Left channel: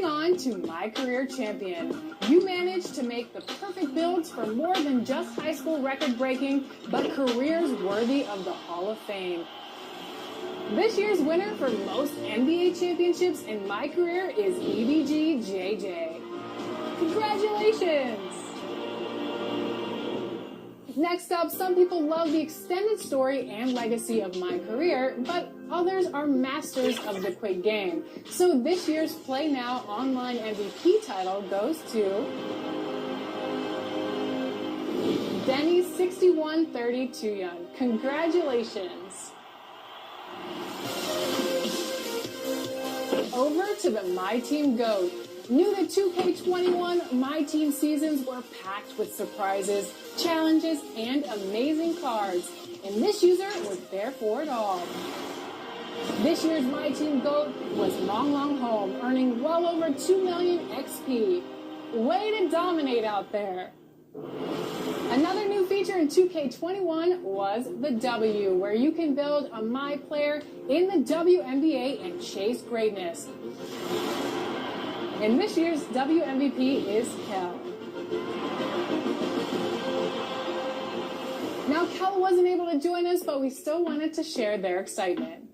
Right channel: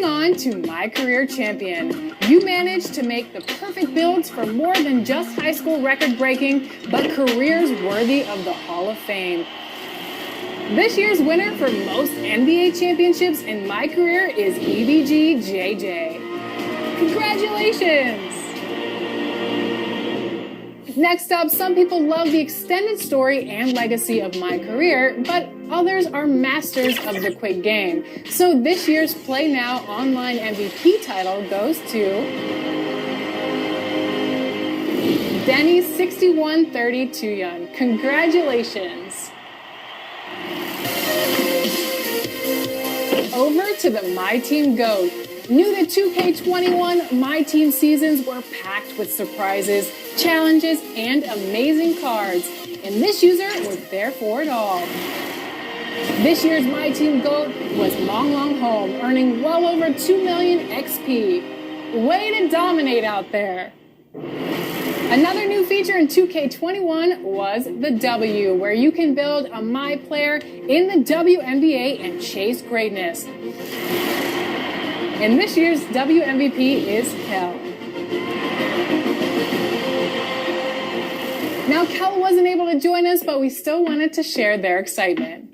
Moving on to My Career Champion. You managed to make the perfect builds for more than just high school record breaking, but careers worthy of the Hall of Fame. This year's winner for most NBA championships in My Career is EVG JJ. Congratulations! Next up, some people love the extended story and legacy of My Career, but others are masters of the quick game. So this year's Play Now online MVP title goes to Denny 6132 Young. Congratulations. Over to the My Team GOAT. New to 2K21, My Team seasons were packed with surprises, challenges, and amazing cards, and this user was there for it all. This year's My Team GOAT was Long Long Home, earning well over 2 million XP. Way to dominate out there. Another new feature in 2K21 was the W, where you can build a My player in the WNBA and chase greatness. And this year's WMVP is Kel. Now, Kel wasn't able to join us, but we still wanted to share their excitement.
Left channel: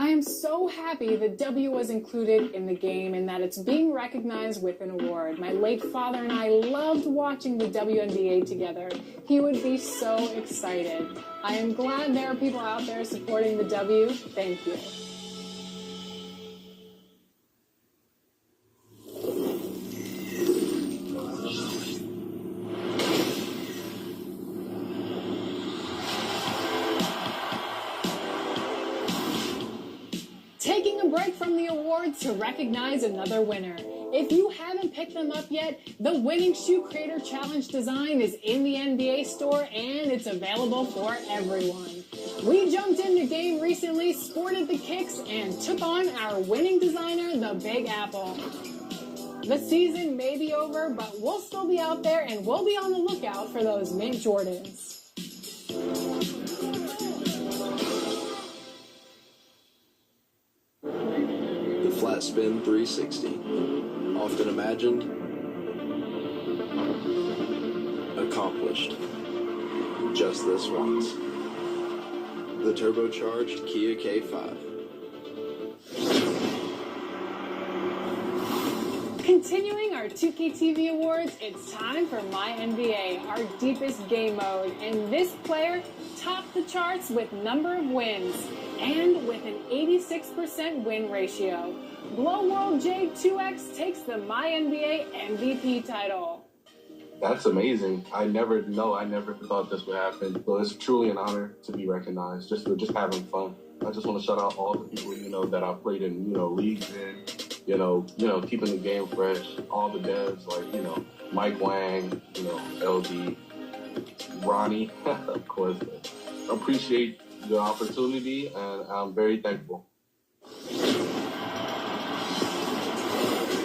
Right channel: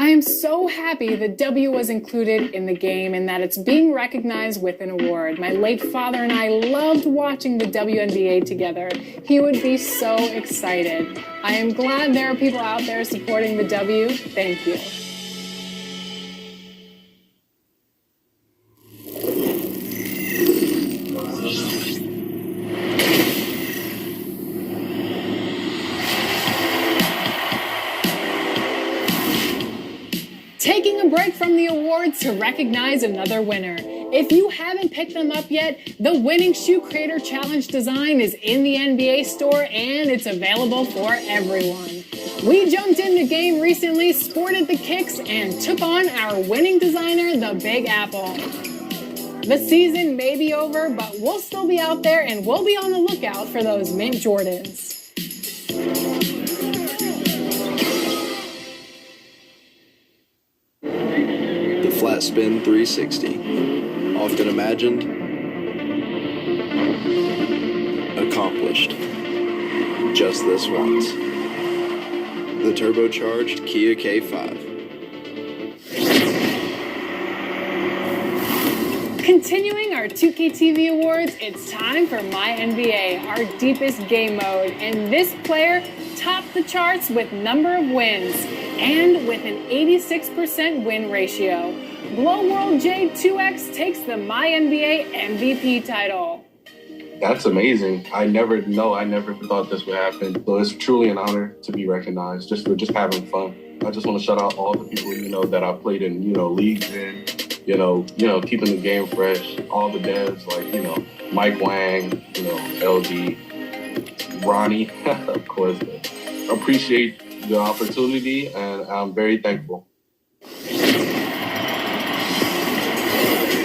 I am so happy that W was included in the game and that it's being recognized with an award. My late father and I loved watching the WNBA together. He would be so excited. I am glad there are people out there supporting the W. Thank you. Taking a break from the awards to recognize another winner. If you haven't picked them up yet, the Winning Shoe Creator Challenge design is in the NBA store and it's available for everyone. We jumped in the game recently, sported the kicks, and took on our winning designer, the Big Apple. The season may be over, but we'll still be out there and we'll be on the lookout for those mint Jordans. Flat Spin 360. Often imagined, accomplished. Just this once. The turbocharged Kia K5. Continuing our 2K TV awards, it's time for My NBA, our deepest game mode. And this player topped the charts with number of wins and with an 86% win ratio. Glow World J2X takes the My NBA MVP title. That's amazing. I never thought this would happen. So it's truly an honor to be recognized just for just having fun. I just want to shout out all the people, that I played in, leagues in, keeping the game fresh. All the devs like, Mike Wang, LD, Ronnie, of course. Appreciate the opportunity and I'm very thankful.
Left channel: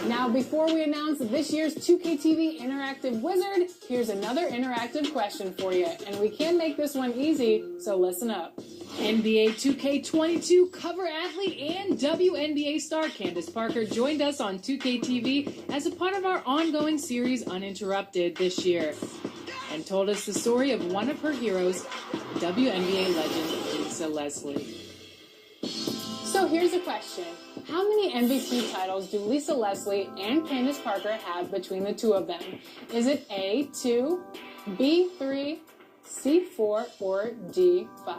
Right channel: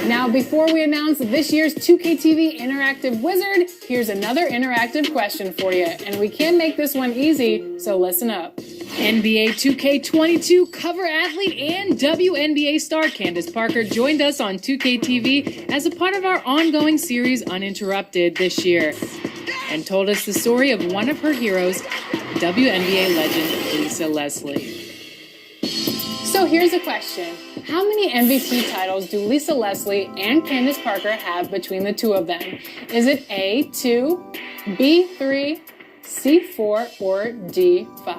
Now, before we announce this year's 2K TV Interactive Wizard, here's another interactive question for you. And we can make this one easy, so listen up. NBA 2K22 cover athlete and WNBA star Candace Parker joined us on 2K TV as a part of our ongoing series Uninterrupted this year and told us the story of one of her heroes, WNBA legend Lisa Leslie. So here's a question. How many MVP titles do Lisa Leslie and Candace Parker have between the two of them? Is it A, 2, B, 3, C, 4, or D, 5?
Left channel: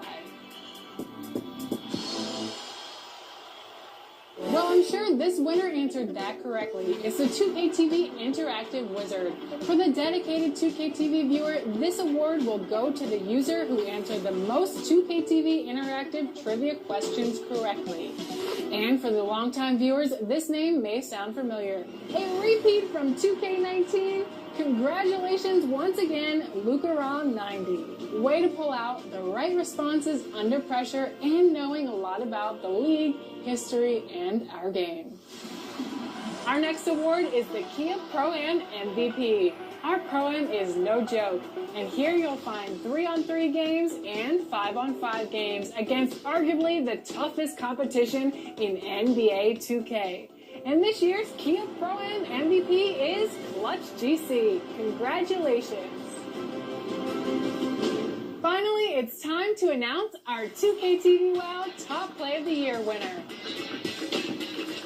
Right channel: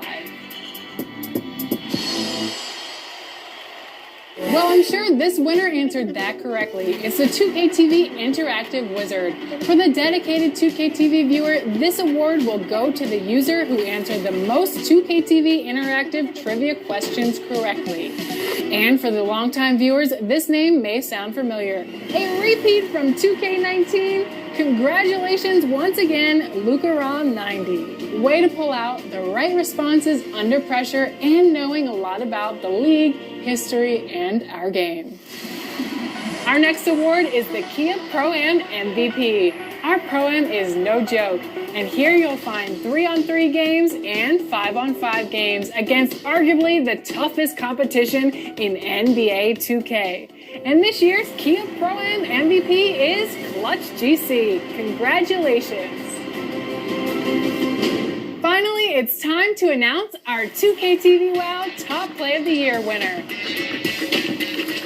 Well, I'm sure this winner answered that correctly. It's the 2K TV Interactive Wizard. For the dedicated 2K TV viewer, this award will go to the user who answered the most 2K TV Interactive trivia questions correctly. And for the longtime viewers, this name may sound familiar. A repeat from 2K19. Congratulations once again, Luka Rom 90. Way to pull out the right responses under pressure and knowing a lot about the league, history, and our game. Our next award is the Kia Pro-Am MVP. Our Pro-Am is no joke, and here you'll find 3-on-3 games and 5-on-5 games against arguably the toughest competition in NBA 2K. And this year's Kia Pro-Am MVP is Clutch GC. Congratulations. Finally, it's time to announce our 2K TV WOW Top Play of the Year winner.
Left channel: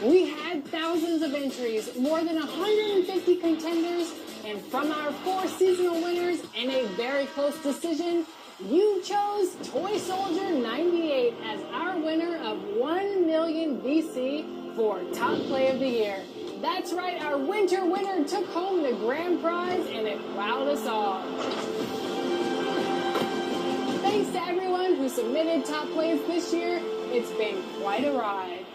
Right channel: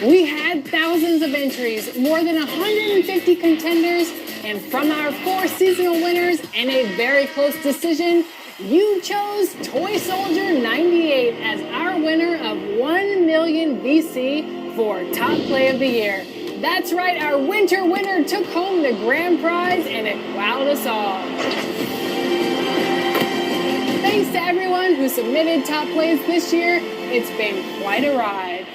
We had thousands of entries, more than 150 contenders, and from our 4 seasonal winners and a very close decision, you chose Toy Soldier 98 as our winner of 1 million VC for Top Play of the Year. That's right, our winter winner took home the grand prize and it wowed us all. Thanks to everyone who submitted top plays this year. It's been quite a ride.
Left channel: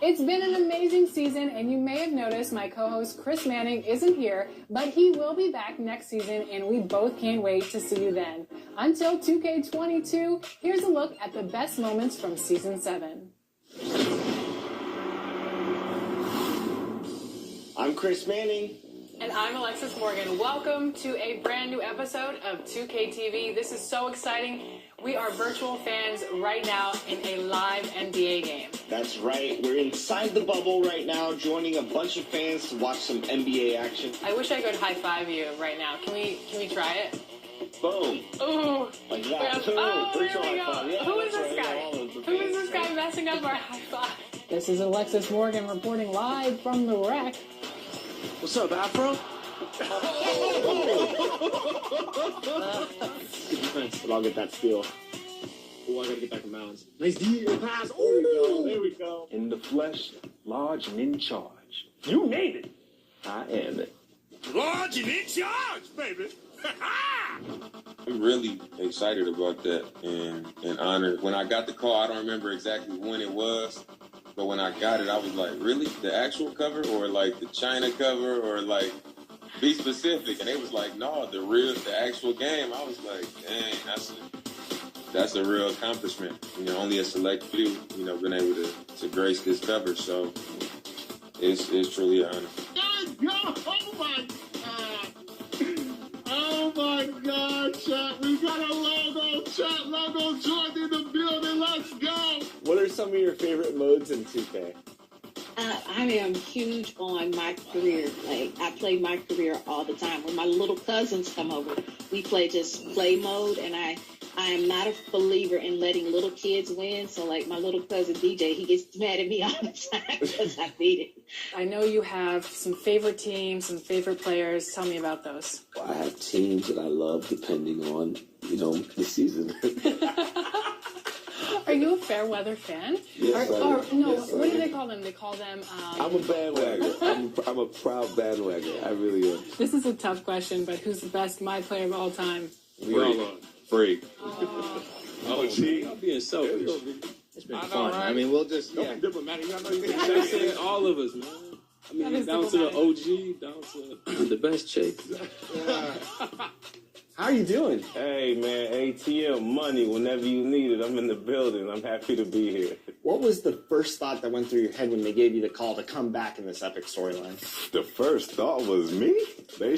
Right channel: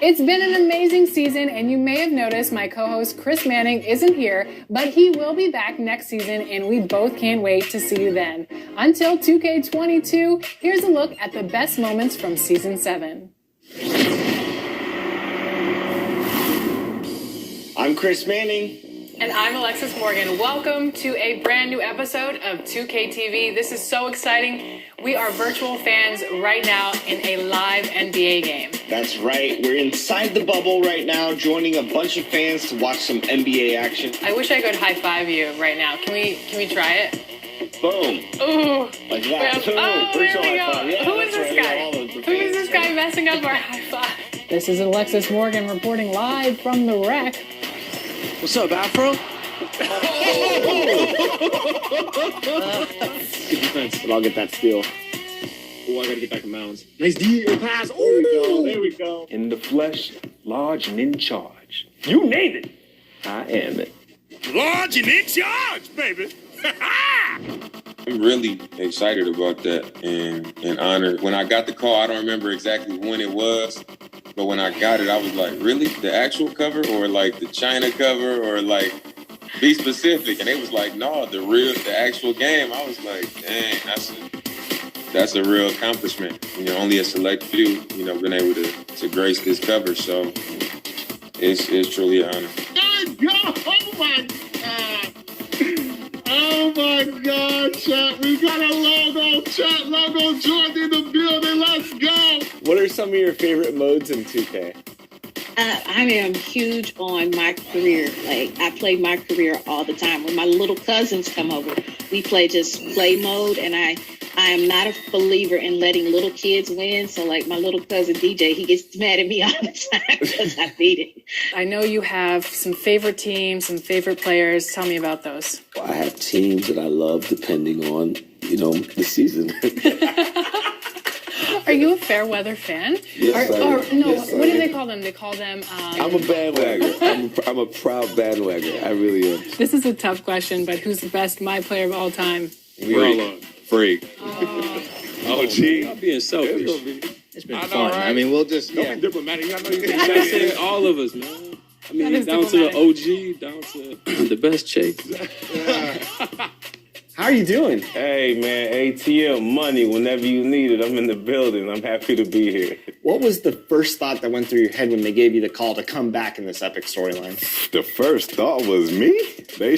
It's been an amazing season, and you may have noticed my co-host Chris Manning isn't here, but he will be back next season, and we both can't wait to see you then. Until 2K22, here's a look at the best moments from Season 7. I'm Chris Manning. And I'm Alexis Morgan. Welcome to a brand new episode of 2K TV. This is so exciting. We are virtual fans right now in a live NBA game. That's right. We're inside the bubble right now, joining a bunch of fans to watch some NBA action. I wish I could high five you right now. Can we try it? Boom. Ooh. Like that. Oh, Boom. there Virtual we high go. five. Yeah, Who is that's this right. guy? All the Who is this fans. guy messing up our high five? This is Alexis Morgan reporting live from the wreck. What's up, Afro? Good defense, but I'll get that steal. Oh, I gotta get back to Mounds. Nice D pass. Oh, there we go. In the flesh, large and in charge. You named it. I am it. Large and in charge, baby. I'm really excited about that and honored. When I got the call, I don't remember exactly when it was, but when I got it, I was like, really? The actual cover or like the China cover or like be specific? And they was like, no, the actual game. I was like, dang, that's a real accomplishment. You know, only a select few, been able to grace this cover. So it's truly an honor. Oh my God, chat. We got a logo, chat. Logo Jordan in the building. Let's go. What are some of your favorite modes in 2K? I am huge on my career. Like, I play my career all the time. When my little cousins come over, we play just play mode, and I am not a believer in letting little kids win. So, like, my little cousin DJ, he gets mad at me all the time because I beat it. I know you have some favorite teams, some favorite players. Tell me about those. I have teams that I love depending on, the season. Are you a fair weather fan? Yes, I am. Or no, Yes, what I do am. they call them? They call them... I'm a bandwagger. I'm a proud bandwagger. I really am. This is a tough question, but who's the best my player of all time? We all are. Freak. Oh, gee. I'm being selfish. It's been fun. I mean, we'll just Don't be diplomatic. I know you I say all of us, man. I That mean, is down to the OG, down to the best Chase. How are you doing? Hey, man, ATM money whenever you need it. I'm in the building. I'm happy to be here. What was the first thought that went through your head when they gave you the call to come back in this epic storyline? The first thought was me. They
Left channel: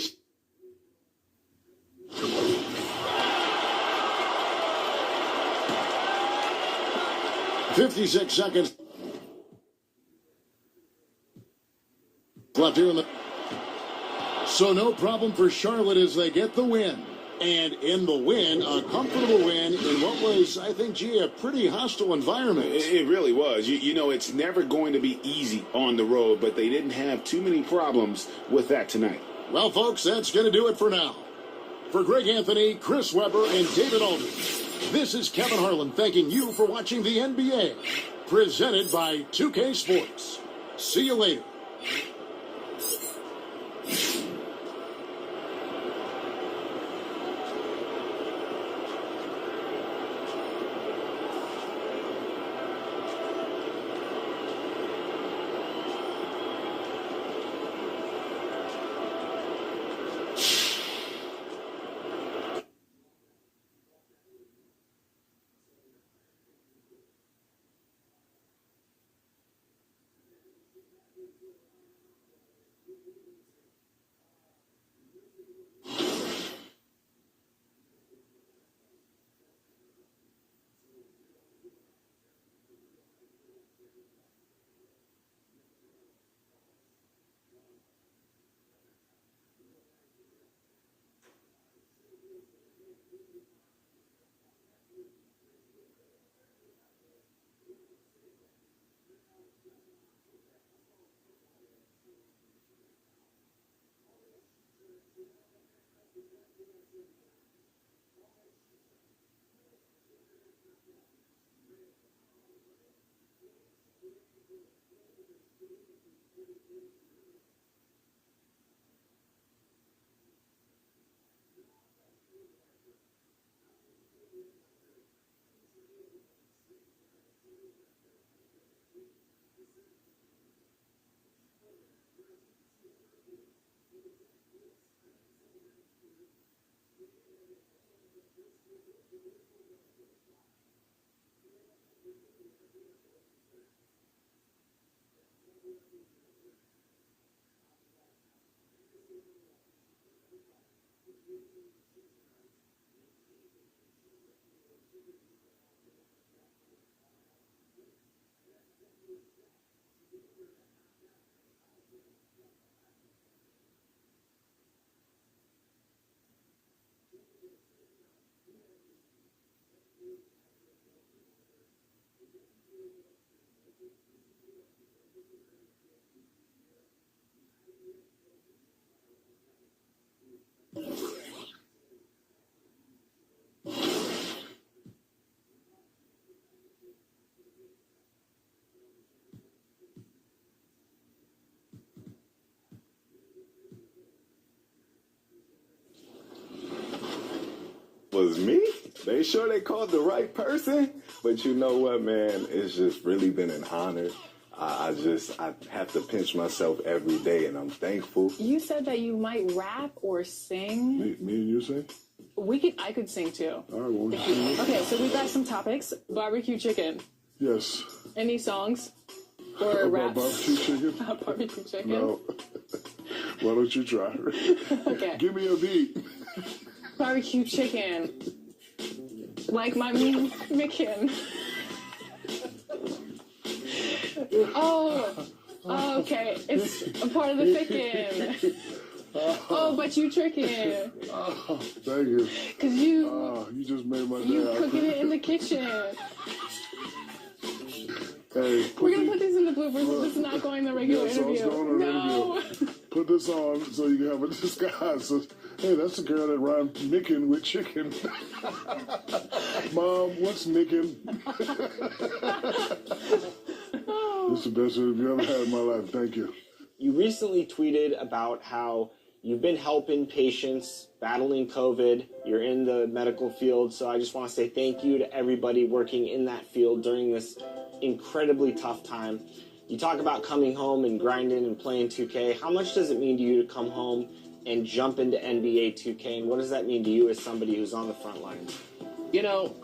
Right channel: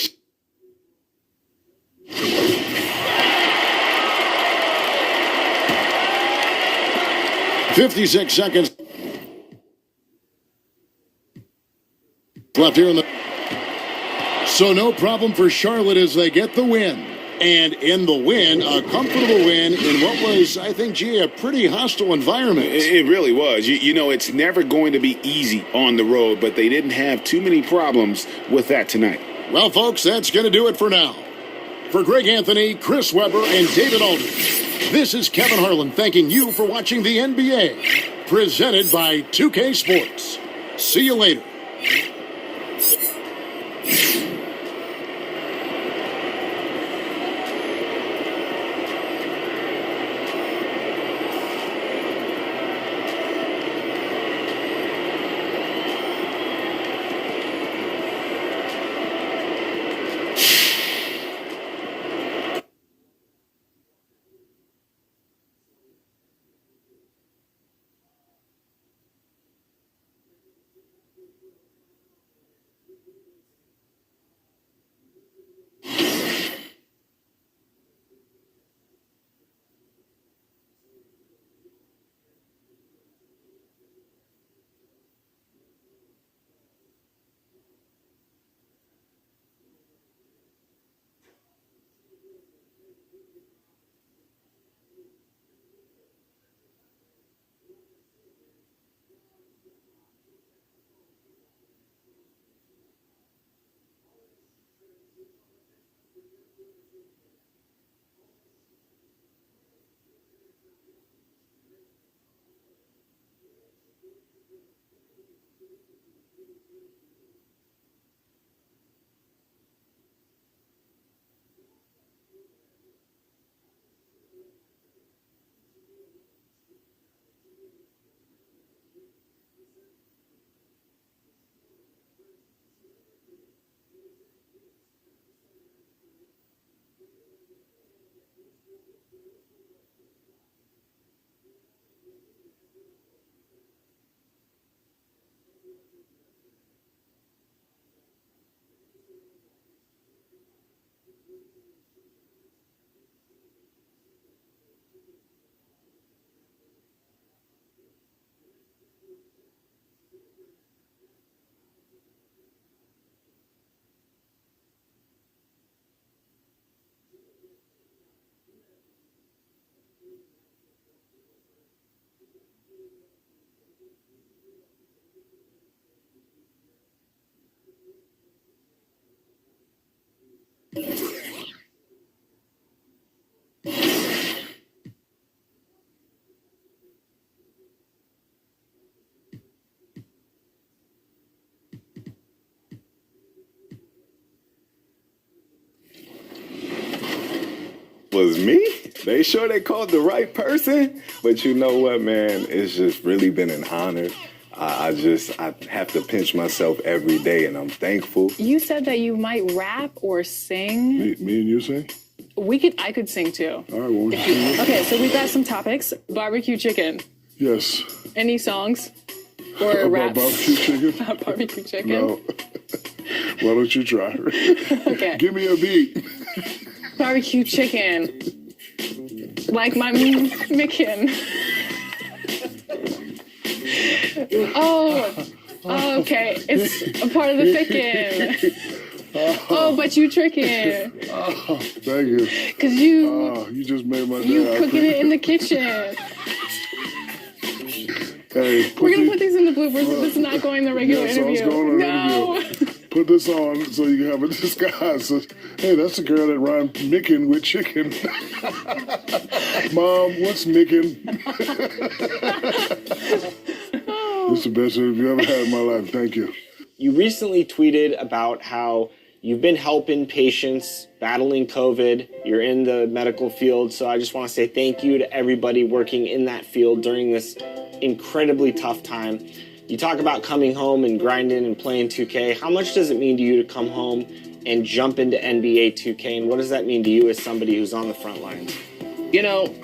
56 seconds left here in the... So no problem for Charlotte as they get the win. And in the win, a comfortable win in what was, I think, a pretty hostile environment. It really was. It's never going to be easy on the road, but they didn't have too many problems with that tonight. Well, folks, that's going to do it for now. For Greg Anthony, Chris Webber, and David Aldridge, this is Kevin Harlan thanking you for watching the NBA, presented by 2K Sports. See you later. Was me? They sure they called the right person? But you know what, man? It's just really been an honor. I have to pinch myself every day, and I'm thankful. You said that you might rap or sing. Me and you sing? I could sing too. All right, well, Okay, so we've got some topics. Barbecue chicken. Yes. Any songs? Or About raps? barbecue chicken? About barbecue chicken? No. Why don't you try? Okay. Give me a beat. Barbecue chicken. Like my Micken. Oh, okay. It's a part of the chicken. Oh, but you tricking. Oh, thank you. Cause you. Oh, you just made my day. You cooking it in the kitchen. Hey, we're gonna put these in the bloopers. This is not going the regular interview. No. Put this on so you can have a disguise. So, hey, that's the girl that rhymed Micken with chicken. Mom, what's Micken? It's the best interview I've ever had in my life. Thank you. You recently tweeted about how you've been helping patients battling COVID. You're in the medical field, so I just want to say thank you to everybody working in that field during this incredibly tough time. You talk about coming home and grinding and playing 2K. How much does it mean to you to come home and jump into NBA 2K, and what does that mean to you as somebody who's on the front lines? You know.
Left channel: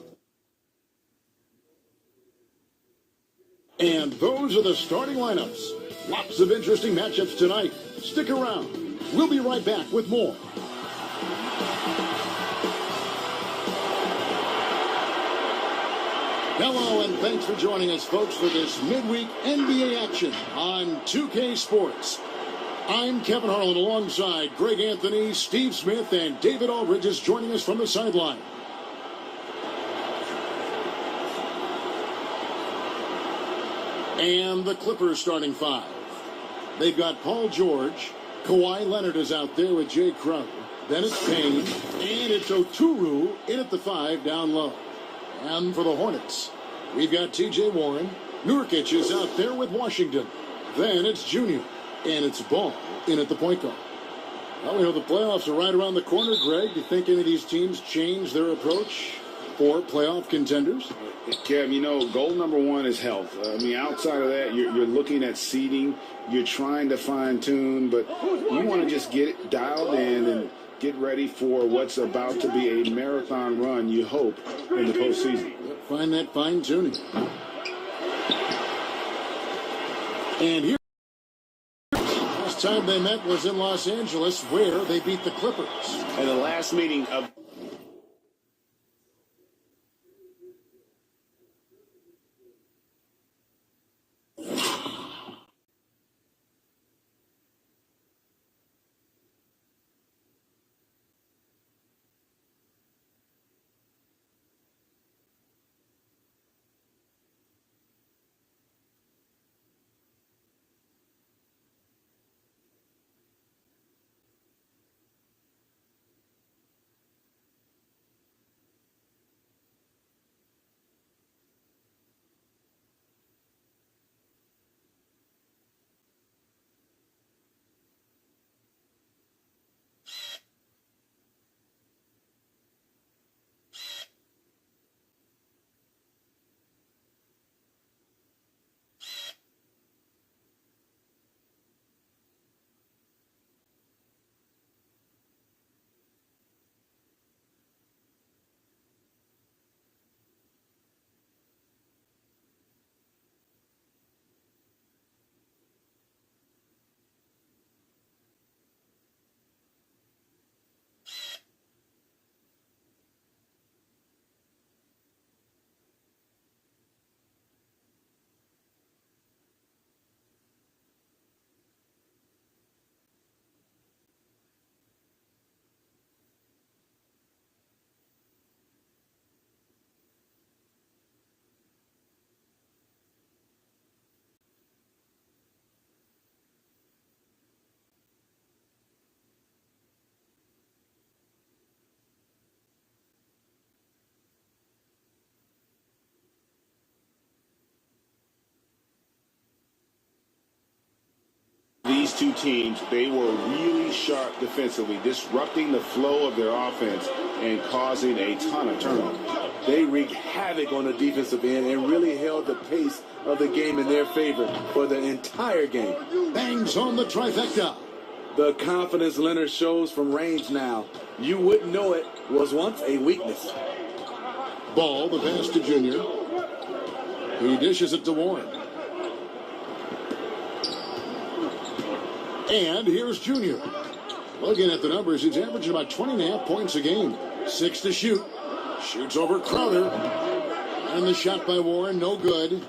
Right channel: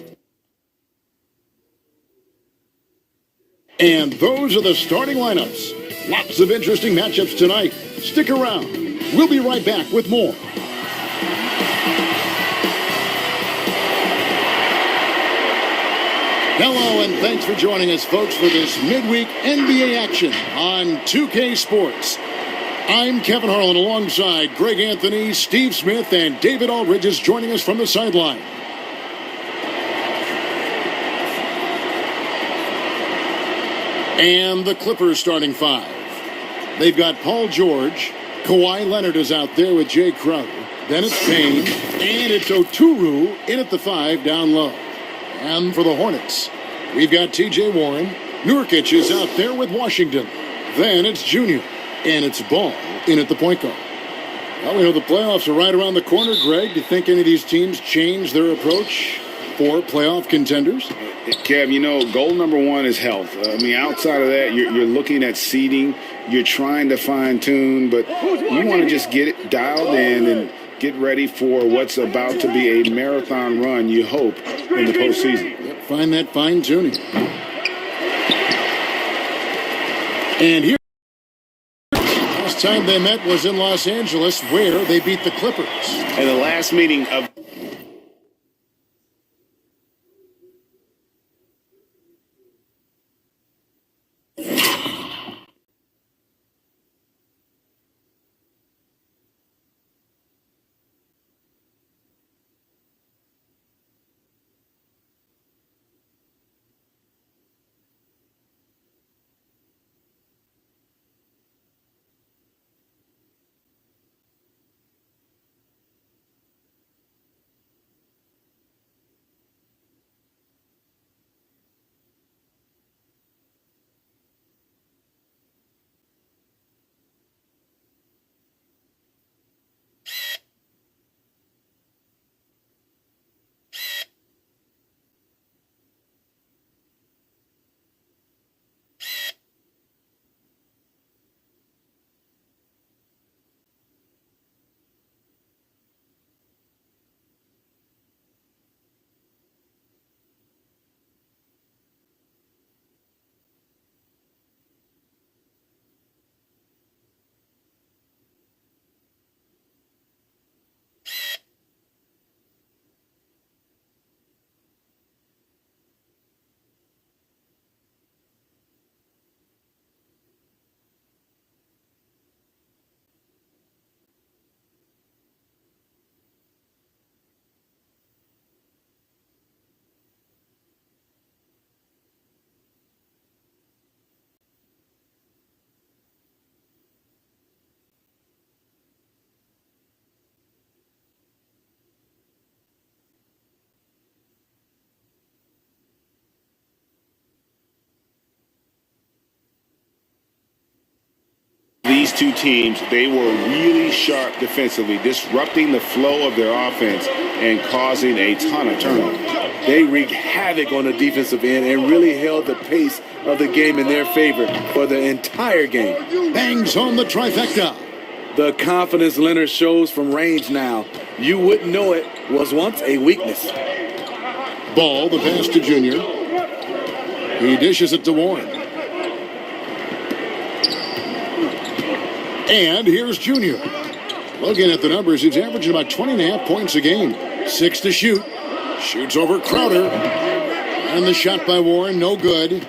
And those are the starting lineups. Lots of interesting matchups tonight. Stick around. We'll be right back with more. Hello, and thanks for joining us, folks, for this midweek NBA action on 2K Sports. I'm Kevin Harlan alongside Greg Anthony, Steve Smith, and David Aldridge is joining us from the sideline. And the Clippers starting five. They've got Paul George. Kawhi Leonard is out there with Jay Crowder. Then it's Payne. And it's Oturu in at the five down low. And for the Hornets, we've got T.J. Warren. Nurkic is out there with Washington. Then it's Junior. And it's Ball in at the point guard. Well, we know the playoffs are right around the corner, Greg. Do you think any of these teams change their approach for playoff contenders? Kev, you know, goal number one is health. I mean, outside of that, you're looking at seeding. You're trying to fine-tune, but you want to just get it dialed in and get ready for what's about to be a marathon run, you hope, in the postseason. Yep, find that fine-tuning. And here, last time they met was in Los Angeles, where they beat the Clippers. And the last meeting of two teams, they were really sharp defensively, disrupting the flow of their offense and causing a ton of turnovers. They wreaked havoc on the defensive end and really held the pace of the game in their favor for the entire game. Bangs home the trifecta. The confidence Leonard shows from range now, you wouldn't know it was once a weakness. Ball, the pass to Junior. He dishes it to Warren. And here's Junior. Looking at the numbers, he's averaging about 20.5 points a game. 6 to shoot. Shoots over Crowder. And the shot by Warren, no good.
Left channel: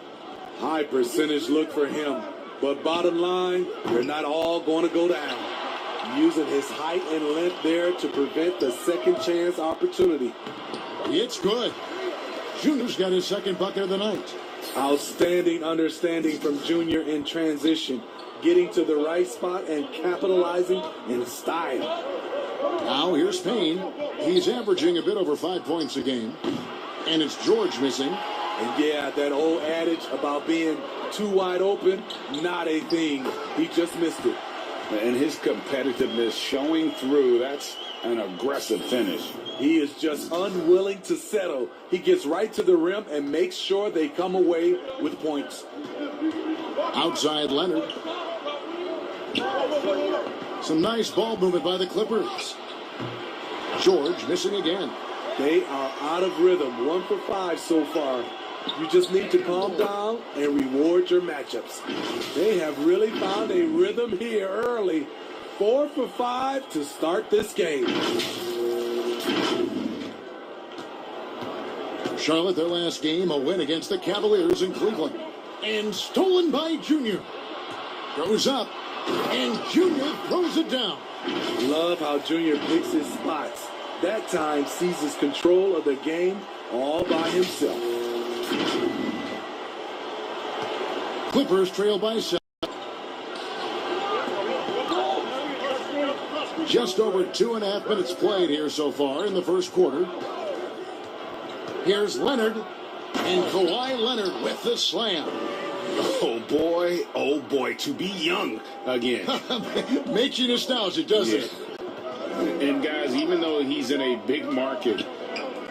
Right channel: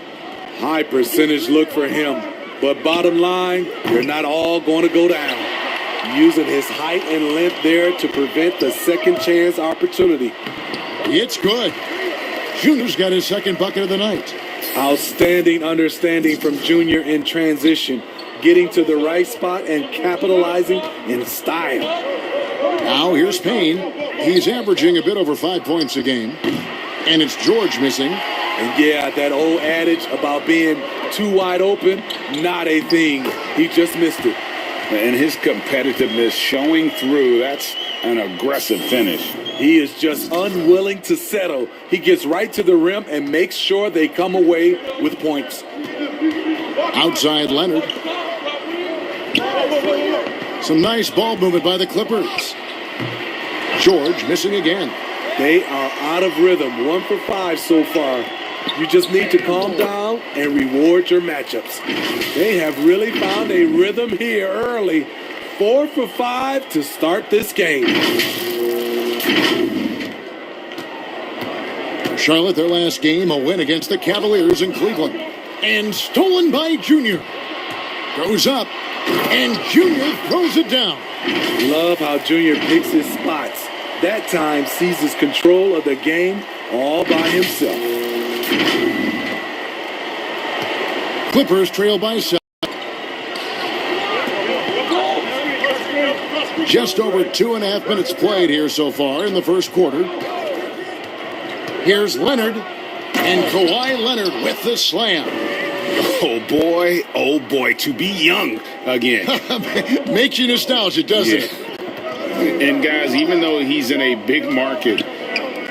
High percentage look for him. But bottom line, they're not all going to go down. Using his height and length there to prevent the second chance opportunity. It's good. Junior's got his second bucket of the night. Outstanding understanding from Junior in transition. Getting to the right spot and capitalizing in style. Now here's Payne. He's averaging a bit over 5 points a game. And it's George missing. And yeah, that old adage about being too wide open, not a thing. He just missed it. And his competitiveness showing through. That's an aggressive finish. He is just unwilling to settle. He gets right to the rim and makes sure they come away with points. Outside Leonard. Some nice ball movement by the Clippers. George missing again. They are out of rhythm. 1 for 5 so far. You just need to calm down and reward your matchups. They have really found a rhythm here early. 4 for 5 to start this game. Charlotte, their last game, a win against the Cavaliers in Cleveland. And stolen by Junior. Goes up, and Junior throws it down. Love how Junior picks his spots. That time seizes control of the game all by himself. Clippers trail by 7. Just over 2.5 minutes played here so far in the first quarter. Here's Leonard, and Kawhi Leonard with the slam. Oh boy, to be young again. Makes you nostalgic, doesn't it? And guys, even though he's in a big market,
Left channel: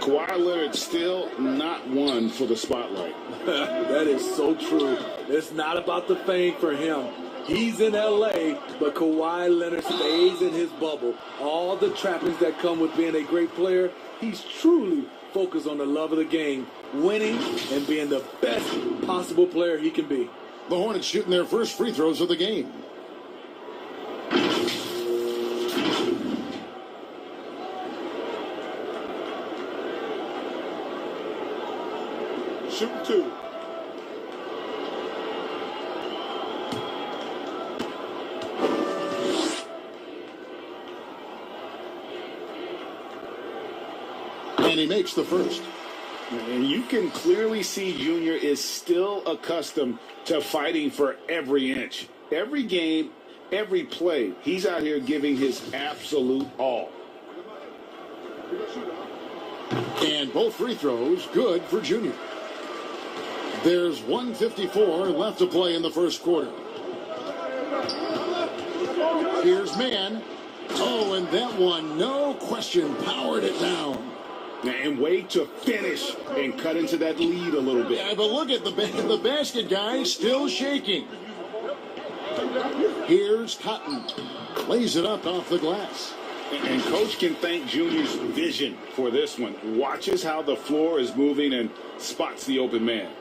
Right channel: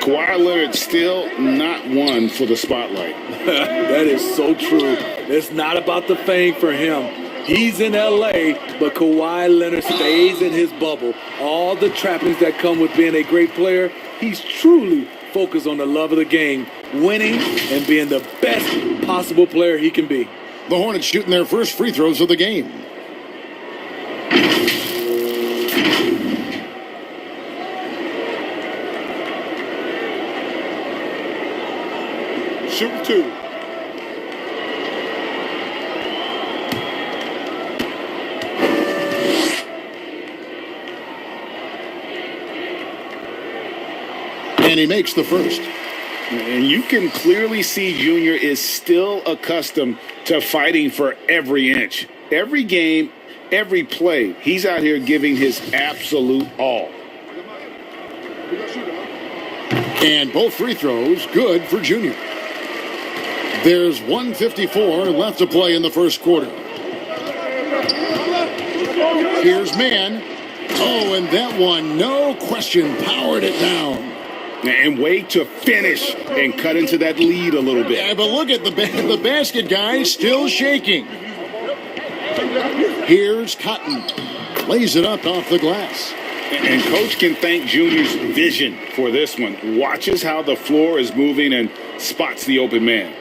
Kawhi Leonard's still not one for the spotlight. That is so true. It's not about the fame for him. He's in L.A., but Kawhi Leonard stays in his bubble. All the trappings that come with being a great player, he's truly focused on the love of the game, winning and being the best possible player he can be. The Hornets shooting their first free throws of the game. Shoot 2. And he makes the first. And you can clearly see Junior is still accustomed to fighting for every inch. Every game, every play, he's out here giving his absolute all. And both free throws good for Junior. There's 1:54 left to play in the first quarter. Here's Mann. Oh, and that one, no question, powered it down. And wait to finish and cut into that lead a little bit. Yeah, but look at the basket guy still shaking. Here's Cotton. Lays it up off the glass. And Coach can thank Junior's vision for this one. Watches how the floor is moving and spots the open man.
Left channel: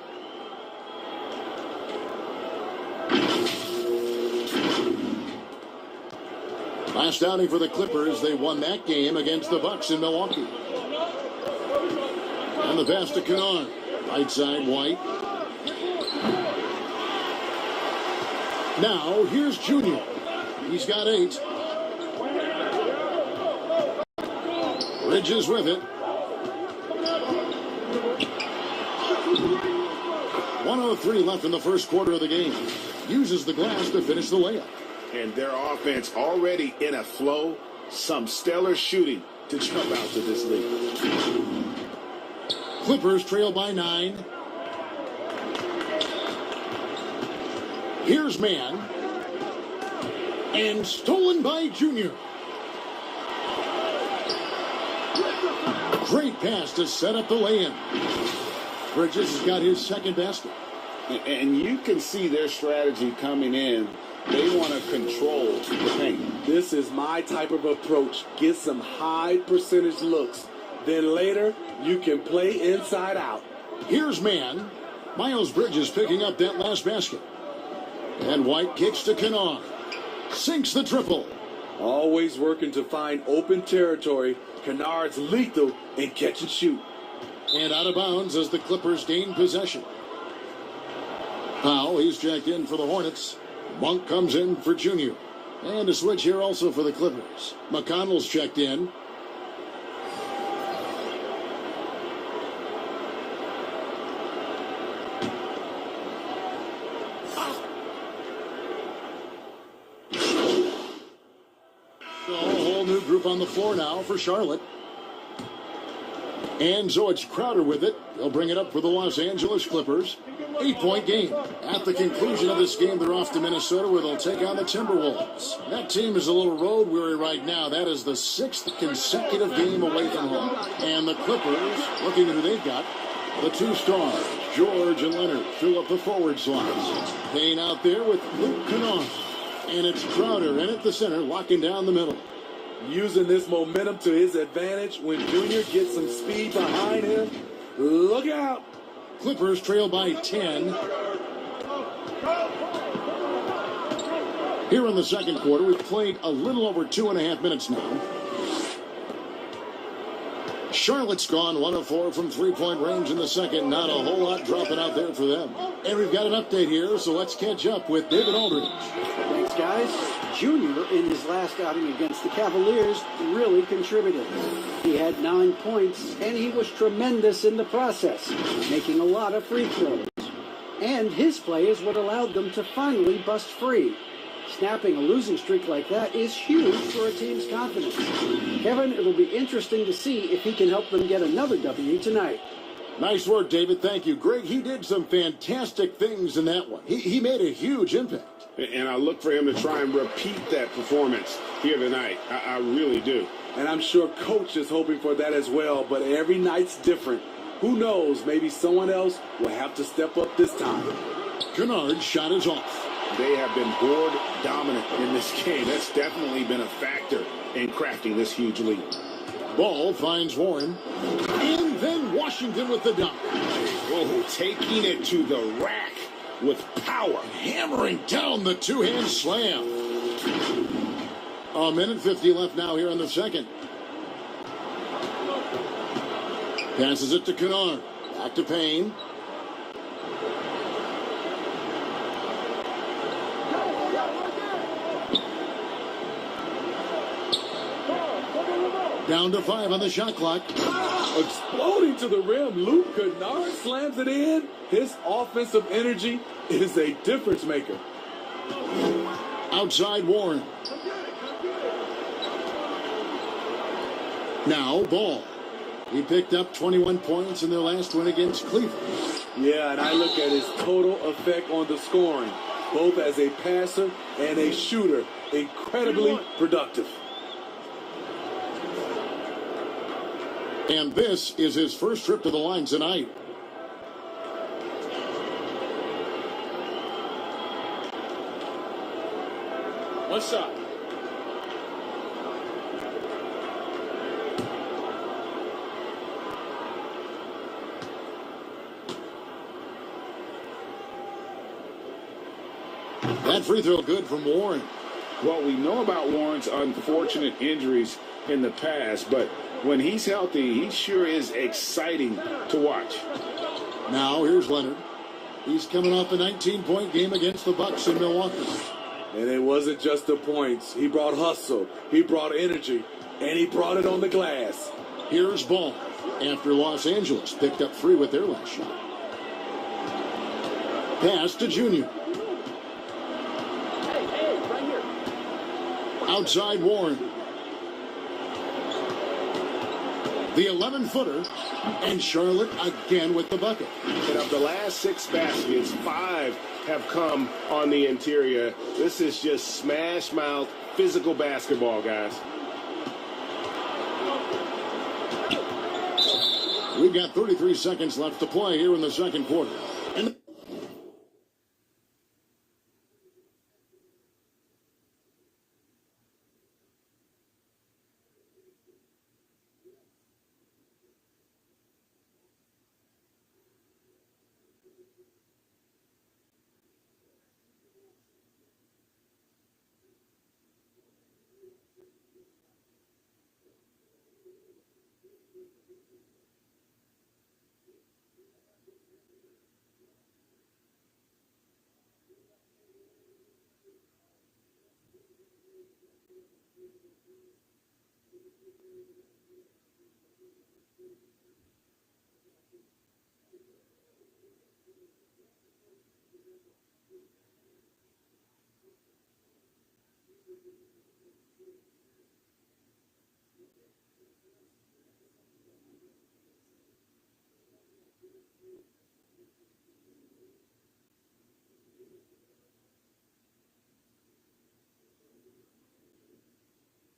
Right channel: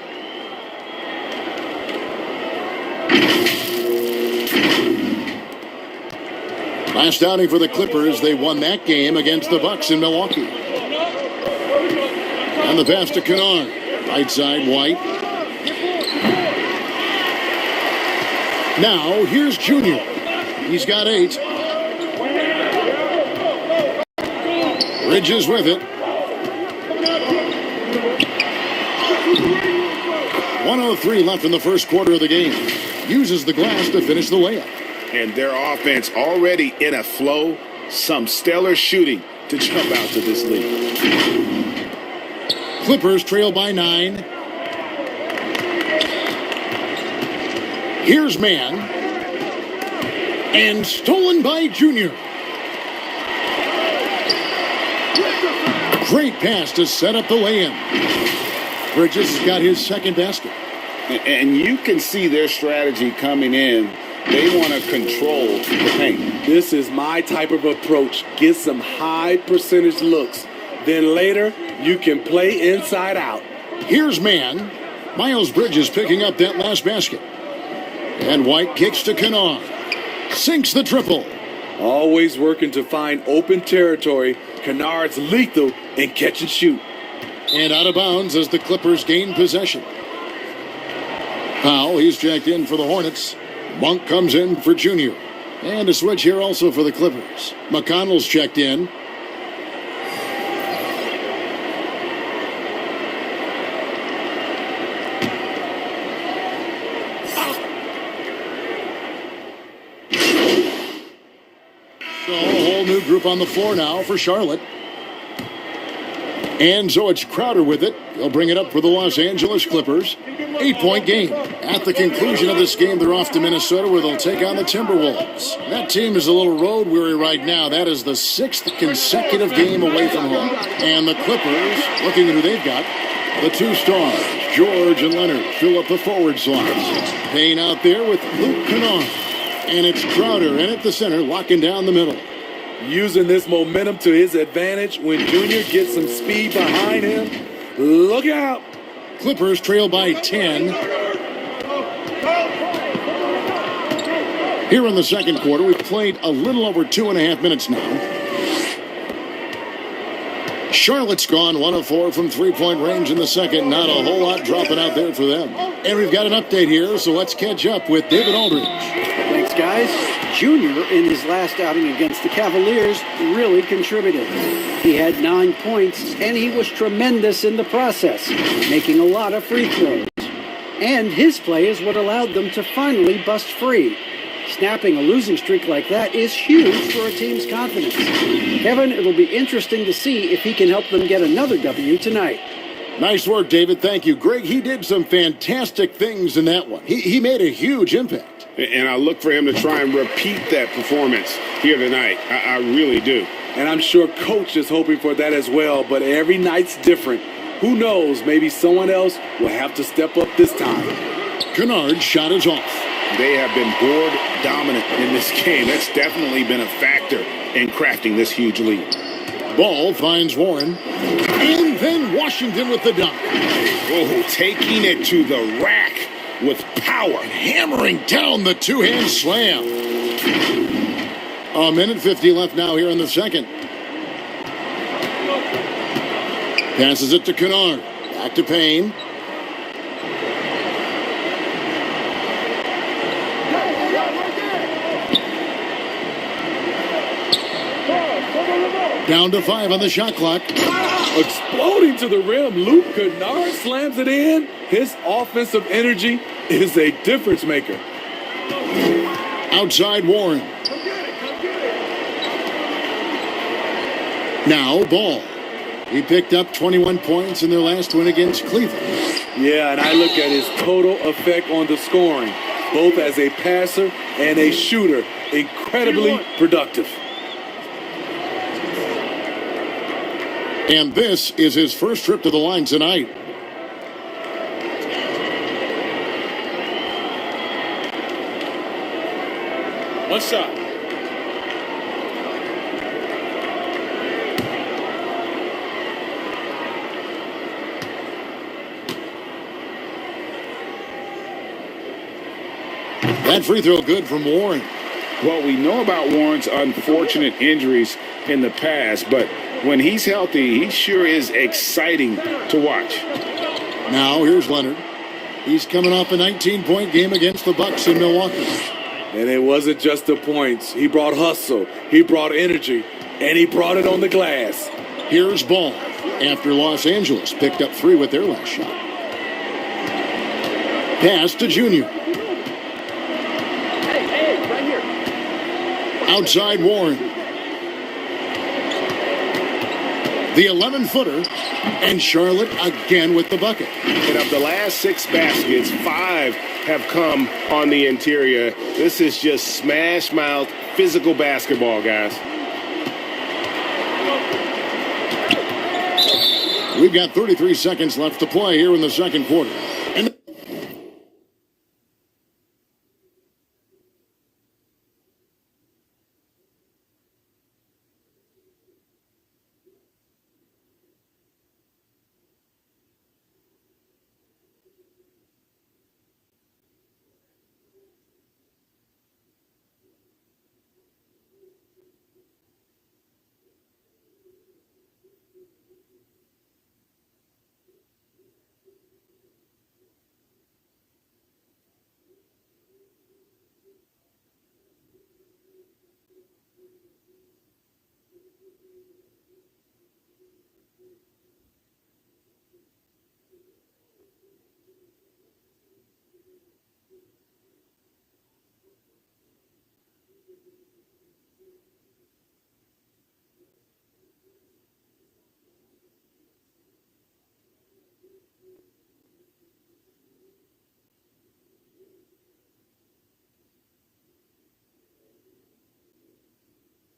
Last outing for the Clippers, they won that game against the Bucks in Milwaukee. And the pass to Kennard. Right side, White. Now, here's Junior. He's got 8. Bridges with it. 1:03 left in the first quarter of the game. Uses the glass to finish the layup. And their offense already in a flow. Some stellar shooting to jump out to this lead. Clippers trail by 9. Here's Mann. And stolen by Junior. Great pass to set up the lay-in. Bridges has got his second basket. And you can see their strategy coming in. They want to control the paint. This is my type of approach. Get some high percentage looks. Then later, you can play inside out. Here's man. Miles Bridges picking up that last basket. And White kicks to Kennard. Sinks the triple. Always working to find open territory. Kennard's lethal in catch and shoot. And out of bounds as the Clippers gain possession. Powell, he's checked in for the Hornets. Monk comes in for Junior. And a switch here also for the Clippers. McConnell's checked in. So a whole new group on the floor now for Charlotte. And so it's Crowder with it. He'll bring it up for the Los Angeles Clippers. 8-point game. At the conclusion of this game, they're off to Minnesota where they'll take on the Timberwolves. That team is a little road weary right now. That is the 6th consecutive game away from home. And the Clippers, looking at who they've got, the two stars, George and Leonard, fill up the forward slots. Payne out there with Luke Kennard. And it's Crowder in at the center, locking down the middle. Using this momentum to his advantage when Junior gets some speed behind him. Look out! Clippers trail by 10. Here in the second quarter, we've played a little over 2.5 minutes now. Charlotte's gone 1 of 4 from three-point range in the second. Not a whole lot dropping out there for them. And we've got an update here, so let's catch up with David Aldridge. Thanks, guys. Junior, in his last outing against the Cavaliers, really contributed. He had 9 points, and he was tremendous in the process, making a lot of free throws. And his play is what allowed them to finally bust free. Snapping a losing streak like that is huge for a team's confidence. Kevin, it'll be interesting to see if he can help them get another W tonight. Nice work, David. Thank you. Greg, he did some fantastic things in that one. He made a huge impact. And I look for him to try and repeat that performance here tonight. I really do. And I'm sure Coach is hoping for that as well, but every night's different. Who knows, maybe someone else will have to step up this time. Kennard's shot is off. They have been board dominant in this game. That's definitely been a factor in crafting this huge lead. Ball finds Warren. And then Washington with the dunk. Oh, taking it to the rack with power. Hammering down the two-hand slam. A minute 50 left now here in the second. Passes it to Kennard. Back to Payne. Down to 5 on the shot clock. Exploding to the rim, Luke Kennard slams it in. His offensive energy is a difference maker. Outside Warren. Now Ball. He picked up 21 points in their last win against Cleveland. Yeah, and I look at his total effect on the scoring, both as a passer and a shooter. Incredibly productive. And this is his first trip to the line tonight. One shot. That free throw good from Warren. Well, we know about Warren's unfortunate injuries in the past, but when he's healthy, he sure is exciting to watch. Now here's Leonard. He's coming off a 19-point game against the Bucks in Milwaukee. And it wasn't just the points. He brought hustle, he brought energy, and he brought it on the glass. Here's Ball after Los Angeles picked up 3 with their last shot. Pass to Junior. Outside Warren. The 11-footer, and Charlotte again with the bucket. And of the last 6 baskets, 5 have come on the interior. This is just smash mouth physical basketball, guys. We've got 33 seconds left to play here in the second quarter. And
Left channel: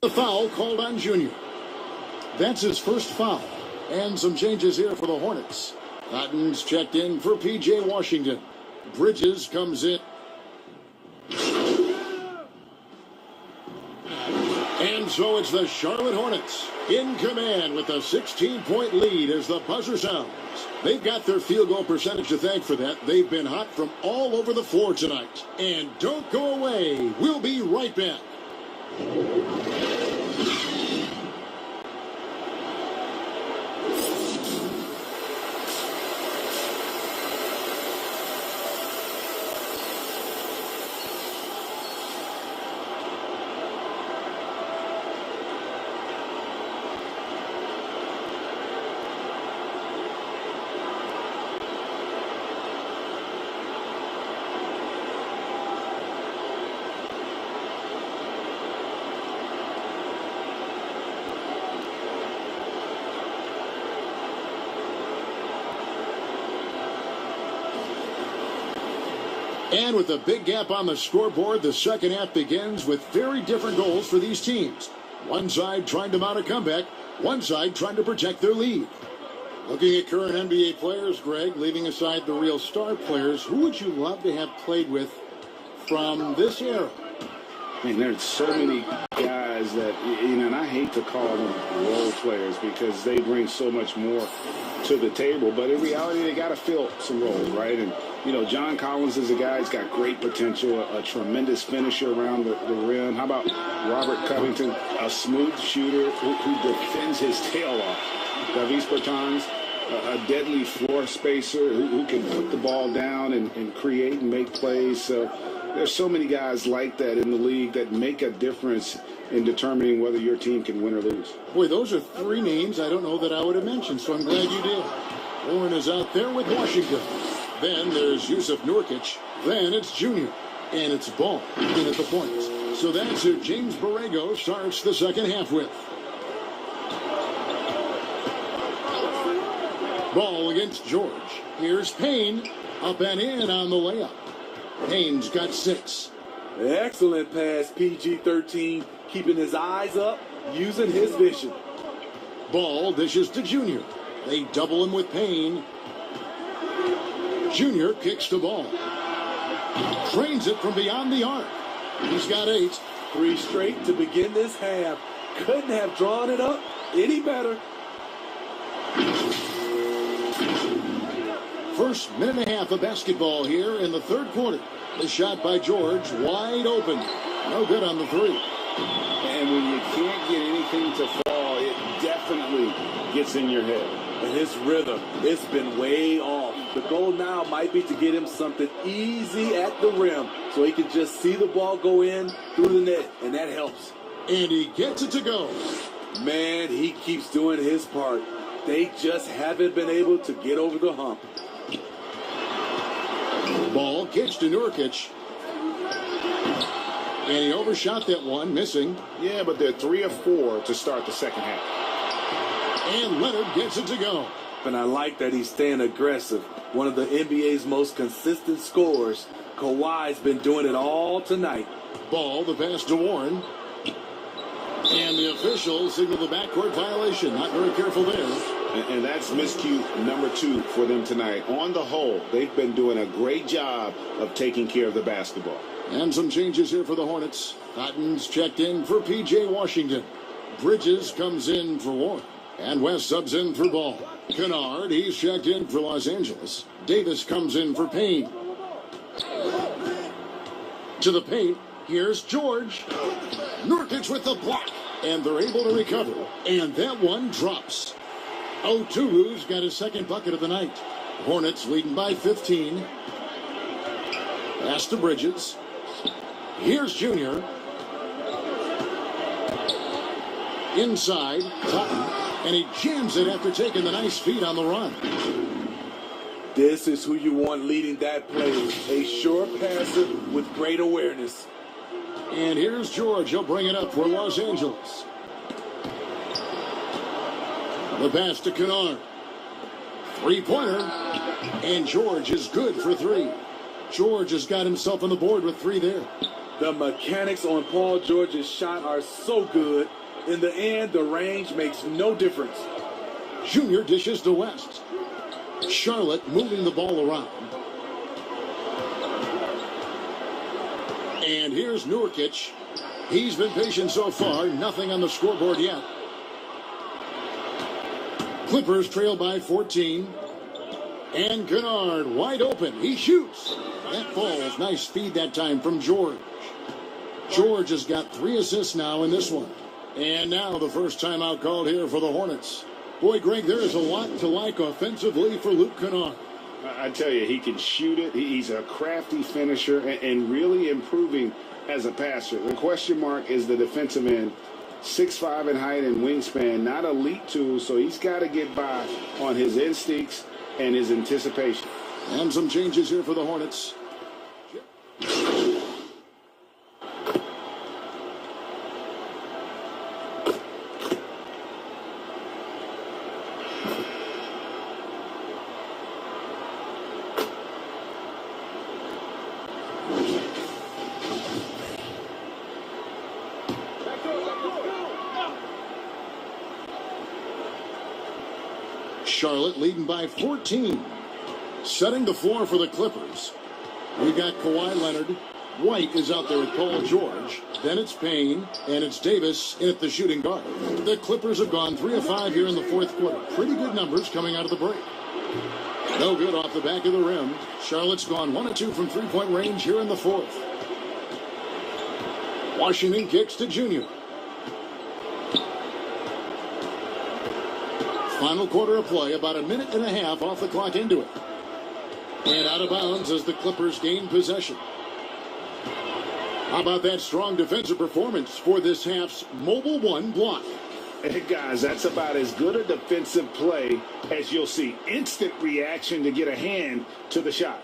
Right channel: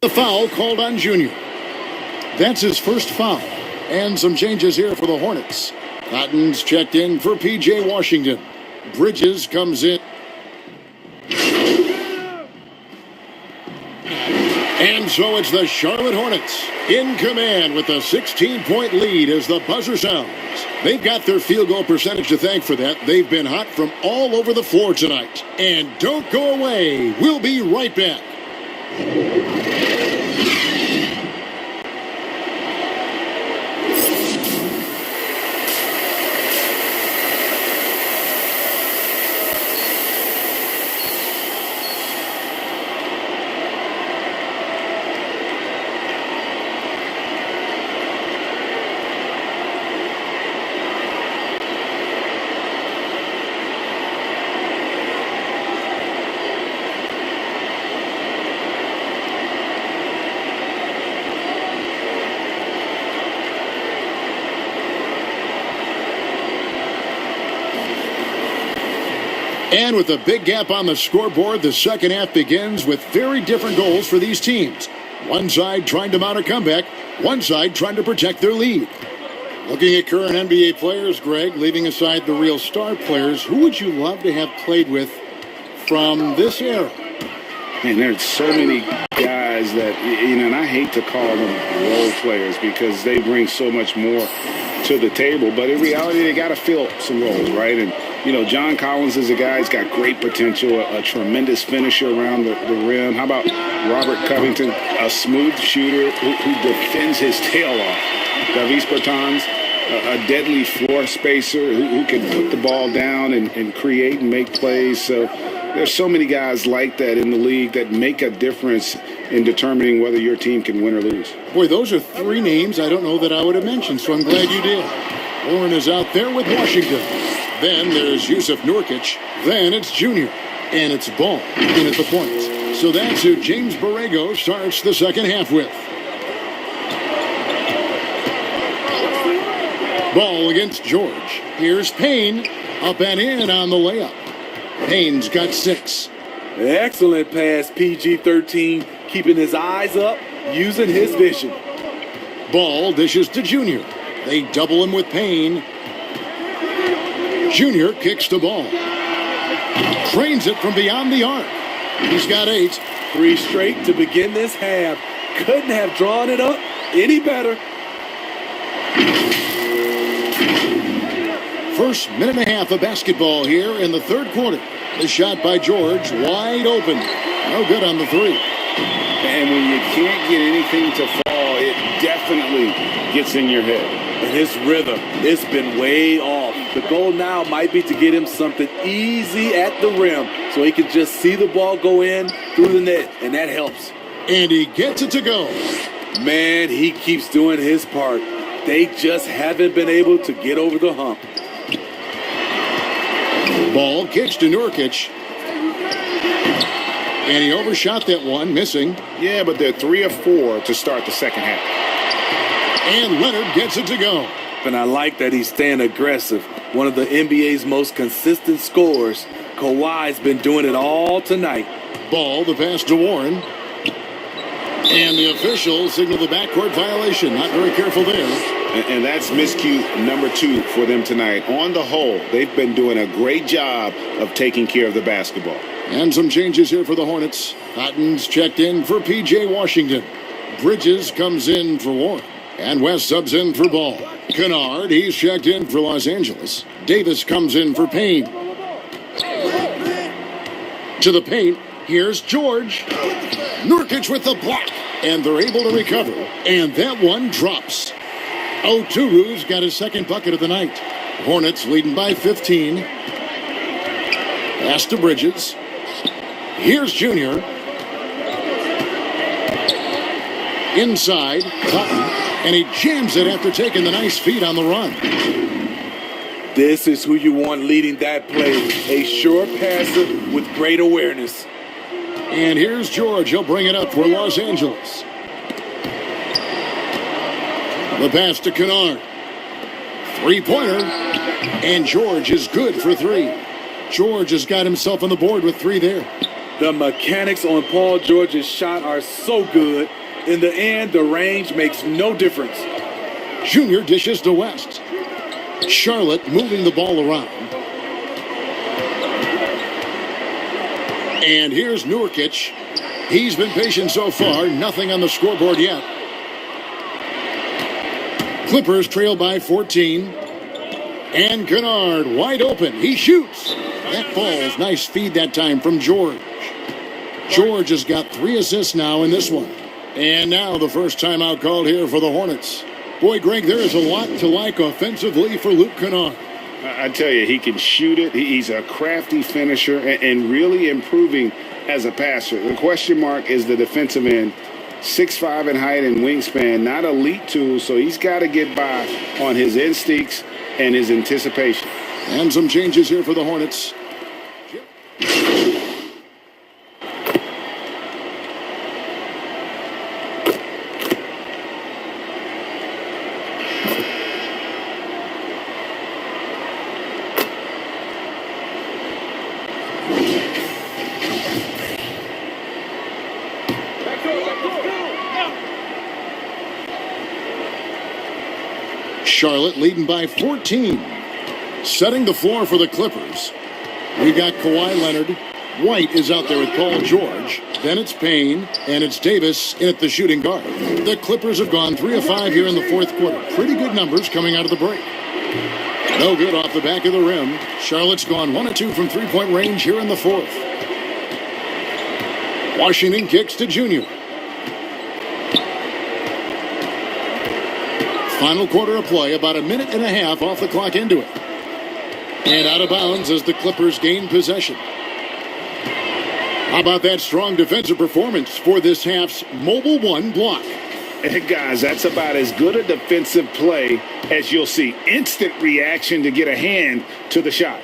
the foul called on Junior. That's his first foul. And some changes here for the Hornets. Cotton's checked in for P.J. Washington. Bridges comes in. And so it's the Charlotte Hornets in command with a 16-point lead as the buzzer sounds. They've got their field goal percentage to thank for that. They've been hot from all over the floor tonight. And don't go away. We'll be right back. And with a big gap on the scoreboard, the second half begins with very different goals for these teams. One side trying to mount a comeback, one side trying to protect their lead. Looking at current NBA players, Greg, leaving aside the real star players, who would you love to have played with from this era? And there's so many guys that, you know, and I hate to call them role players because they bring so much more to the table. But in reality, they got to fill some roles, right? And, you know, John Collins is a guy who's got great potential, a tremendous finisher around the rim. How about Robert Covington, a smooth shooter who defends his tail off? Davis Bertans, a deadly floor spacer who can put the ball down and create and make plays. So there's so many guys like that in the league that make a difference in determining whether your team can win or lose. Boy, those are three names I don't know that I would have mentioned, so I'm glad you did. Warren is out there with Washington. Then there's Yusuf Nurkic. Then it's Junior. And it's Ball in at the point. So that's who James Borrego starts the second half with. Ball against George. Here's Payne. Up and in on the layup. Payne's got 6. Excellent pass, PG-13, keeping his eyes up, using his vision. Ball dishes to Junior. They double him with Payne. Junior kicks the ball. Trains it from beyond the arc. He's got 8. 3 straight to begin this half. Couldn't have drawn it up any better. First minute and a half of basketball here in the third quarter. The shot by George, wide open. No good on the 3. And when you can't get anything to fall, it definitely gets in your head. And his rhythm, it's been way off. The goal now might be to get him something easy at the rim so he can just see the ball go in through the net, and that helps. And he gets it to go. Man, he keeps doing his part. They just haven't been able to get over the hump. Ball kicks to Nurkic. And he overshot that one, missing. Yeah, but they're 3 of 4 to start the second half. And Leonard gets it to go. And I like that he's staying aggressive. One of the NBA's most consistent scorers. Kawhi's been doing it all tonight. Ball, the pass to Warren. And the officials signal the backcourt violation. Not very careful there. And that's miscue number 2 for them tonight. On the whole, they've been doing a great job of taking care of the basketball. And some changes here for the Hornets. Cotton's checked in for P.J. Washington. Bridges comes in for Warren. And West subs in for Ball. Kennard, he's checked in for Los Angeles. Davis comes in for Payne. To the paint, here's George. Nurkic with the block. And they're able to recover. And that one drops. Oturu's got his second bucket of the night. Hornets leading by 15. Pass to Bridges. Here's Junior. Inside, Cotton. And he jams it after taking the nice feed on the run. This is who you want leading that play. A sure passer with great awareness. And here's George. He'll bring it up for Los Angeles. The pass to Kennard. Three-pointer. And George is good for 3. George has got himself on the board with 3 there. The mechanics on Paul George's shot are so good. In the end, the range makes no difference. Junior dishes to West. Charlotte moving the ball around. And here's Nurkic. He's been patient so far. Nothing on the scoreboard yet. Clippers trail by 14. And Kennard wide open. He shoots. That falls. Nice feed that time from George. George has got 3 assists now in this one. And now the first timeout called here for the Hornets. Boy, Greg, there is a lot to like offensively for Luke Kennard. I tell you, he can shoot it. He's a crafty finisher and really improving as a passer. The question mark is the defensive end. 6'5" in height and wingspan, not elite tools, so he's got to get by on his instincts and his anticipation. And some changes here for the Hornets. Charlotte leading by 14. Setting the floor for the Clippers. We got Kawhi Leonard. White is out there with Paul George. Then it's Payne, and it's Davis in at the shooting guard. The Clippers have gone 3 of 5 here in the fourth quarter. Pretty good numbers coming out of the break. No good off the back of the rim. Charlotte's gone 1 of 2 from three-point range here in the fourth. Washington kicks to Junior. Final quarter of play, about a minute and a half off the clock into it. And out of bounds as the Clippers gain possession. How about that strong defensive performance for this half's Mobile One block? And guys, that's about as good a defensive play as you'll see. Instant reaction to get a hand to the shot.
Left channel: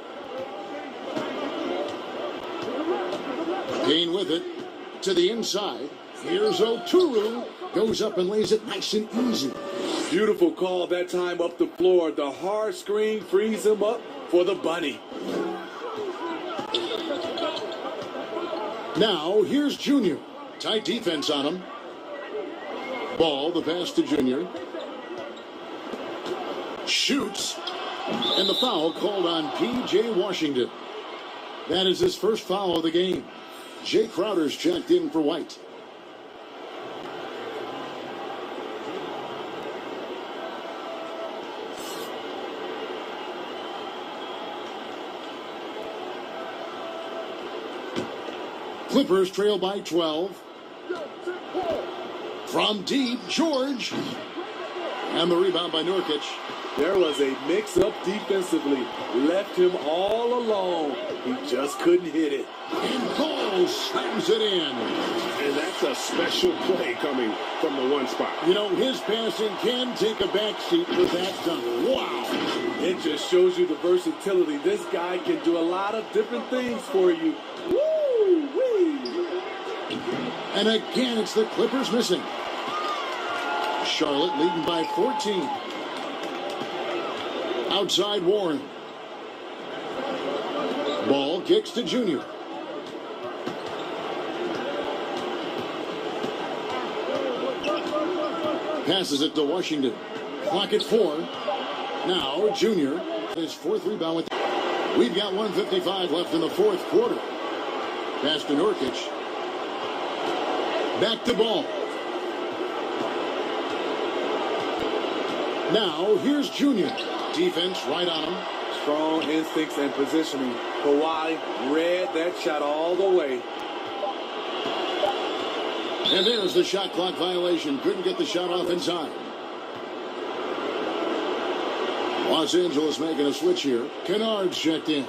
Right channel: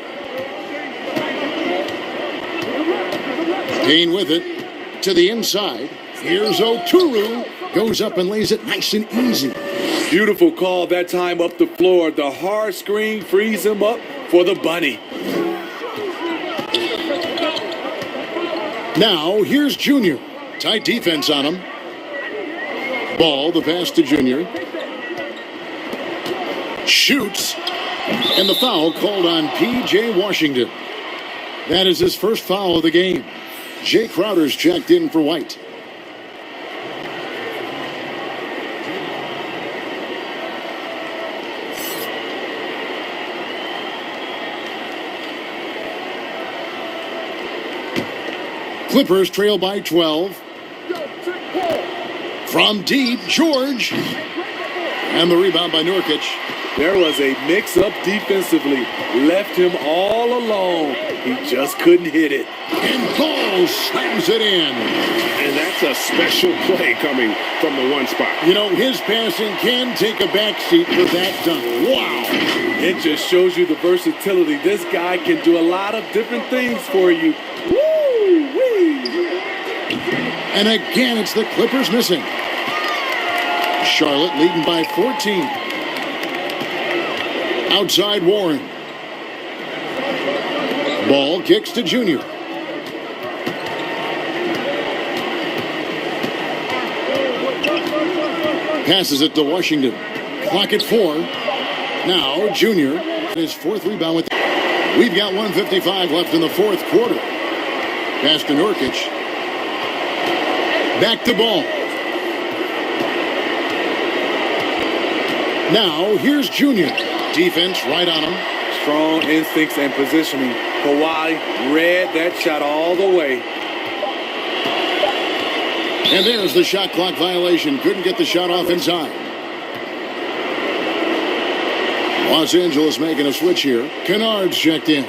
Payne with it to the inside. Here's Oturu. Goes up and lays it nice and easy. Beautiful call that time up the floor. The hard screen frees him up for the bunny. Now, here's Junior. Tight defense on him. Ball, the pass to Junior. Shoots. And the foul called on P.J. Washington. That is his first foul of the game. Jay Crowder's checked in for White. Clippers trail by 12. From deep, George. And the rebound by Nurkic. There was a mix-up defensively. Left him all alone. He just couldn't hit it. And Ball slams it in. And that's a special play coming from the one spot. You know, his passing can take a backseat for that dunk. Wow. It just shows you the versatility. This guy can do a lot of different things for you. And again, it's the Clippers missing. Charlotte leading by 14. Outside Warren. Ball kicks to Junior. Passes it to Washington. Clock at 4. Now Junior, his fourth rebound with. We've got 1:55 left in the fourth quarter. Pass to Nurkic. Back to Ball. Now here's Junior. Defense right on him. Strong instincts and positioning. Kawhi read that shot all the way. And there's the shot clock violation. Couldn't get the shot off in time. Los Angeles making a switch here. Kennard's checked in.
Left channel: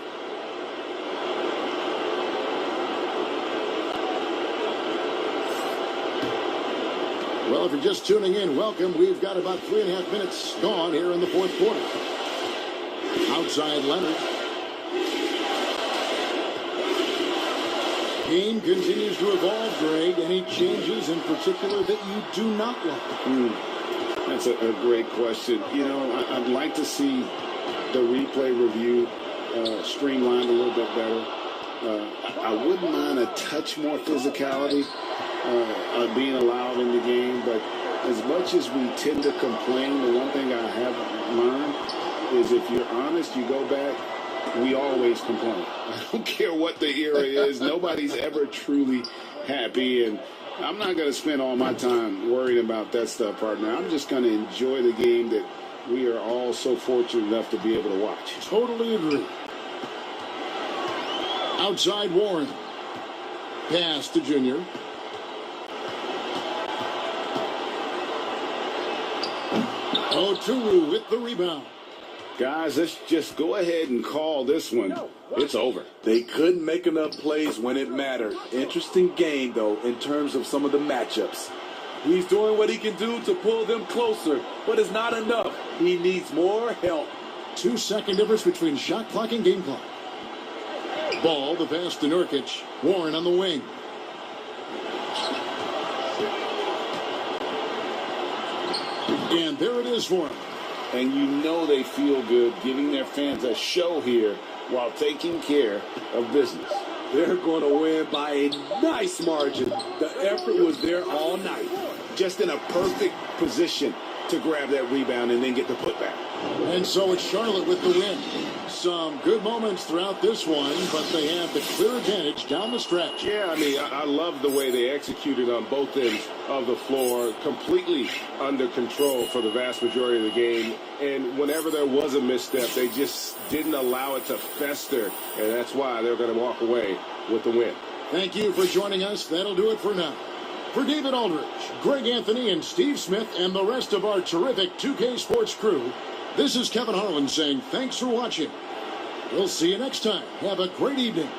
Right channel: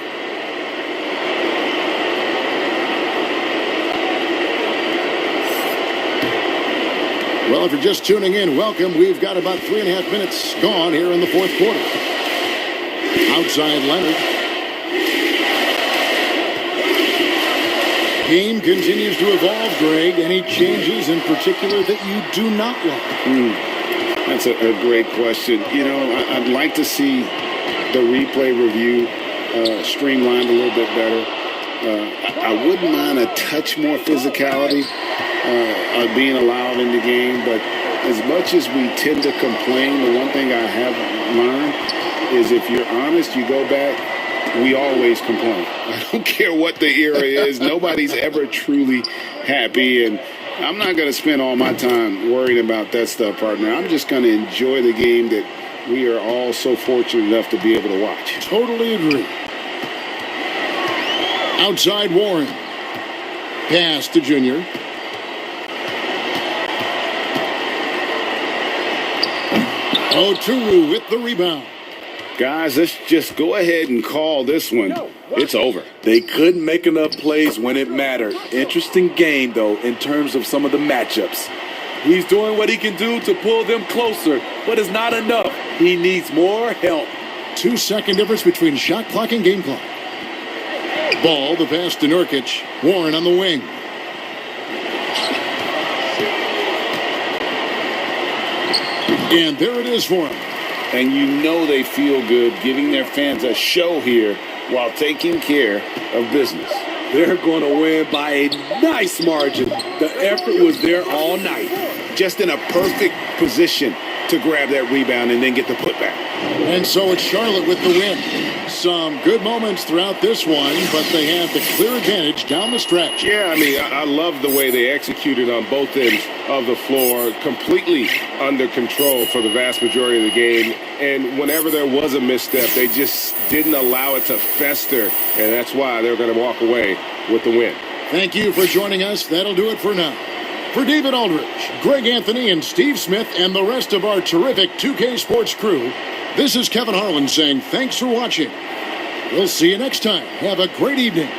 Well, if you're just tuning in, welcome. We've got about 3.5 minutes gone here in the fourth quarter. Outside Leonard. Game continues to evolve, Greg. Any changes in particular that you do not like? That's a great question. You know, I'd like to see the replay review streamlined a little bit better. I wouldn't mind a touch more physicality being allowed in the game, but as much as we tend to complain, the one thing I have learned is if you're honest, you go back, we always complain. I don't care what the era is. Nobody's ever truly happy, and I'm not going to spend all my time worrying about that stuff, partner. I'm just going to enjoy the game that we are all so fortunate enough to be able to watch. Totally agree. Outside Warren. Pass to Junior. Oturu with the rebound. Guys, let's just go ahead and call this one. It's over. They couldn't make enough plays when it mattered. Interesting game, though, in terms of some of the matchups. He's doing what he can do to pull them closer, but it's not enough. He needs more help. 2-second difference between shot clock and game clock. Ball, the pass to Nurkic. Warren on the wing. And there it is for him. And you know they feel good giving their fans a show here while taking care of business. They're going to win by a nice margin. The effort was there all night. Just in a perfect position to grab that rebound and then get the putback. And so it's Charlotte with the win. Some good moments throughout this one, but they have the clear advantage down the stretch. Yeah, I mean, I love the way they executed on both ends of the floor, completely under control for the vast majority of the game. And whenever there was a misstep, they just didn't allow it to fester. And that's why they're going to walk away with the win. Thank you for joining us. That'll do it for now. For David Aldridge, Greg Anthony, and Steve Smith, and the rest of our terrific 2K Sports crew, this is Kevin Harlan saying thanks for watching. We'll see you next time. Have a great evening.